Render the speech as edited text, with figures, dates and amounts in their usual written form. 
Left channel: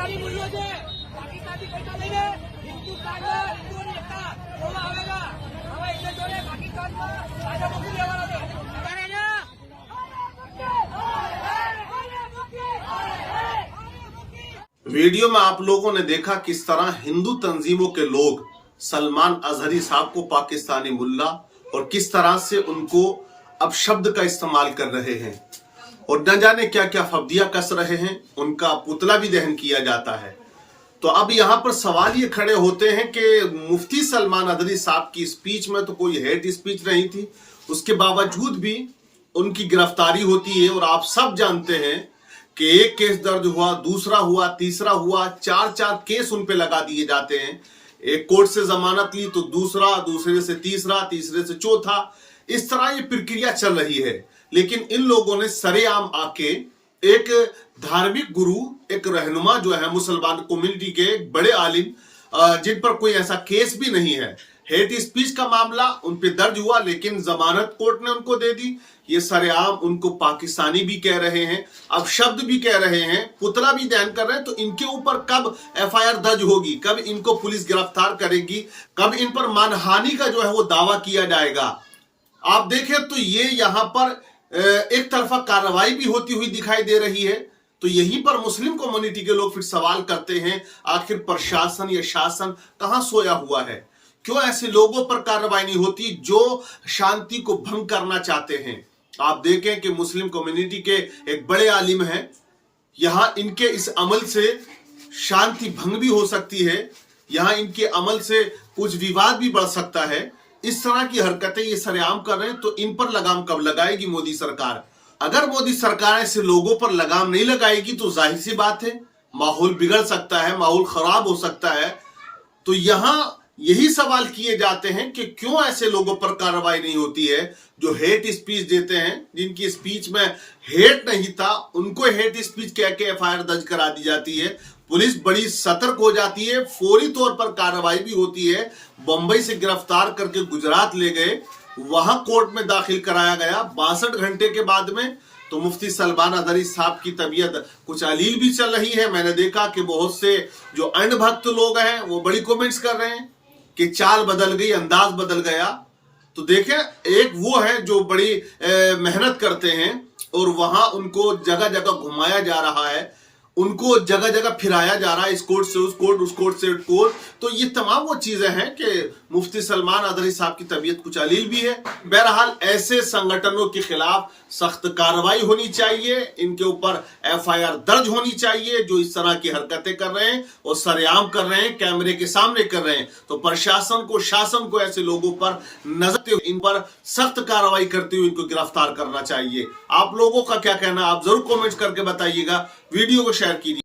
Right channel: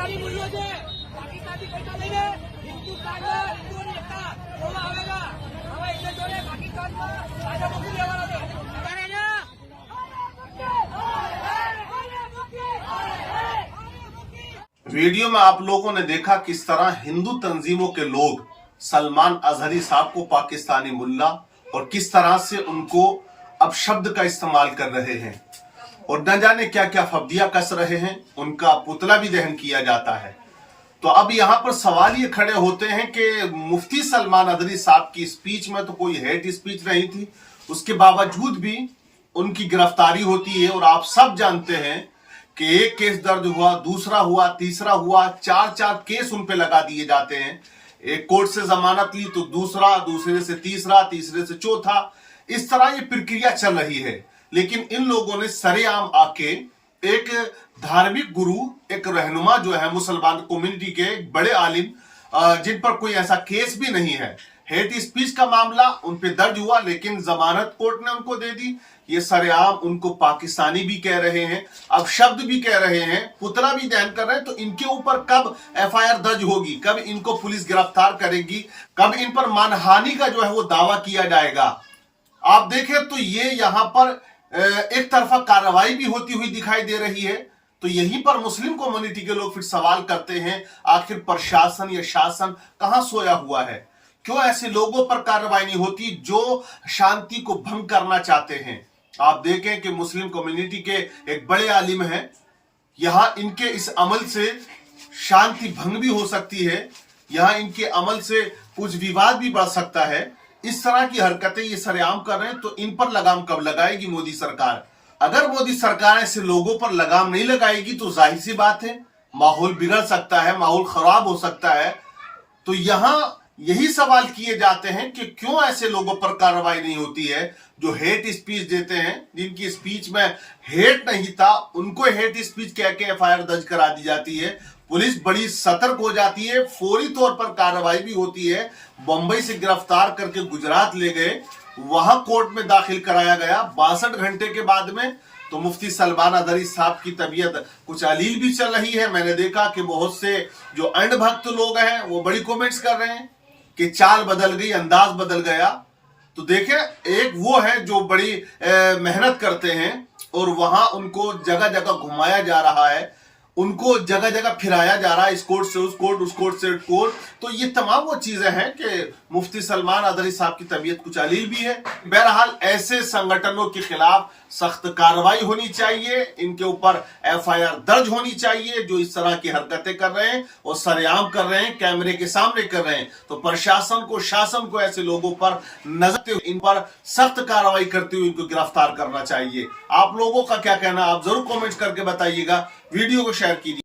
પાકિસ્તાની મૂલ્યો છે, પાકિસ્તાની પૈસા લઈને હિન્દુસ્તાનમાં હિન્દુઓની એકતા જોવા આવેલા. હવે એટલે જોડે પાકિસ્તાનમાં કાયદો મૂકી દેવાનો છે. वीडियो में आप लोगों ने देखा किस तरह हिंदू तंजीमों के लोग सलमान अजहरी साहब को पाकिस्तानी मुल्ला और किस तरह से उनको अपशब्द का इस्तेमाल कर रहे हैं और न जाने क्या क्या फब्दियां कस रहे हैं. उनका पुतला भी दहन किया जाता है. तो अब यहां पर सवाल ये खड़े होते हैं कि मुफ्ती सलमान अजहरी साहब की स्पीच में तो कोई हेट स्पीच नहीं थी, उसके बावजूद भी उनकी गिरफ्तारी होती है. और आप सब जानते हैं कि एक केस दर्ज हुआ, दूसरा हुआ, तीसरा हुआ, चार केस उन पे लगा दिए जाते हैं. एक कोर्ट से जमानत ली तो दूसरा, दूसरे से तीसरा, तीसरे से चौथा, इस तरह ये प्रक्रिया चल रही है. लेकिन इन लोगों ने सरेआम आके एक धार्मिक गुरु, एक रहनुमा जो है मुसलमान कम्युनिटी के एक बड़े आलिम, जिन पर कोई ऐसा केस भी नहीं है, हेट स्पीच का मामला उन पे दर्ज हुआ लेकिन जमानत कोर्ट ने उनको दे दी. ये सरेआम उनको पाकिस्तानी भी कह रहे हैं, अब शब्द भी कह रहे हैं, पुतला भी दहन कर रहे हैं. तो इनके ऊपर कब एफआईआर दर्ज होगी, कब इनको पुलिस गिरफ्तार करेगी, कब इन पर मानहानि का जो है वो दावा किया जाएगा. आप देखें तो ये यहां पर एक तरफा कार्रवाई भी होती हुई दिखाई दे रही है. तो यहीं पर मुस्लिम कम्युनिटी के लोग फिर सवाल करते हैं, आखिर प्रशासन या शासन कहां सोया हुआ है? क्यों ऐसे लोगों पर कार्रवाई नहीं होती जो शांति को भंग करना चाहते हैं? आप देखें कि मुस्लिम कम्युनिटी के एक बड़े आलिम हैं, यहां इनके इस अमल से शांति भंग भी हो सकती है, यहां इनके अमल से कुछ विवाद भी बढ़ सकता है. इस तरह की हरकतें ये सरेआम कर रहे हैं. तो इन पर लगाम कब लगाएगी मोदी सरकार? अगर मोदी सरकार ऐसे लोगों पर लगाम नहीं लगाएगी तो जाहिर सी बात है माहौल बिगड़ सकता है, माहौल खराब हो सकता है. तो यहां यही सवाल किए जाते हैं कि क्यों ऐसे लोगों पर कार्रवाई नहीं होती है जो हेट स्पीच देते हैं, जिनकी स्पीच में हेट नहीं था, उनको हेट स्पीच कह के एफआईआर दर्ज करा दी जाती है. पुलिस बड़ी सतर्क हो जाती है, फौरी तौर पर कार्रवाई भी होती है. बंबई से गिरफ्तार करके गुजरात ले गए, वहां कोर्ट में दाखिल कराया गया 62 घंटे के बाद में. तो मुफ्ती सलमान अजहरी साहब की तबीयत कुछ अलील भी चल रही है. मैंने देखा कि बहुत से जो अंधभक्त लोग हैं वो बड़ी कमेंट्स कर रहे हैं कि चाल बदल गई, अंदाज बदल गया. तो देखें, एक वो है जो बड़ी मेहनत करते हैं और वहां उनको जगह जगह घुमाया जा रहा है, उनको जगह जगह फिराया जा रहा है, इस कोर्ट से उस कोर्ट, उस कोर्ट से उस कोर्ट. तो ये तमाम वो चीजें हैं कि मुफ्ती सलमान अजहरी साहब की तबीयत कुछ अलील भी है. बहरहाल ऐसे संगठनों के खिलाफ सख्त कार्रवाई होनी चाहिए, इनके ऊपर एफआईआर दर्ज होनी चाहिए जो इस तरह की हरकतें कर रहे हैं और सरेआम कर रहे हैं, कैमरे के सामने कर रहे हैं. तो प्रशासन को, शासन को ऐसे लोगों पर नजर, इन पर सख्त कार्रवाई करते हुए इनको गिरफ्तार करना चाहिए. आप लोगों का क्या कहना, आप जरूर कॉमेंट करके बताइएगा. वीडियो को शेयर कीजिए.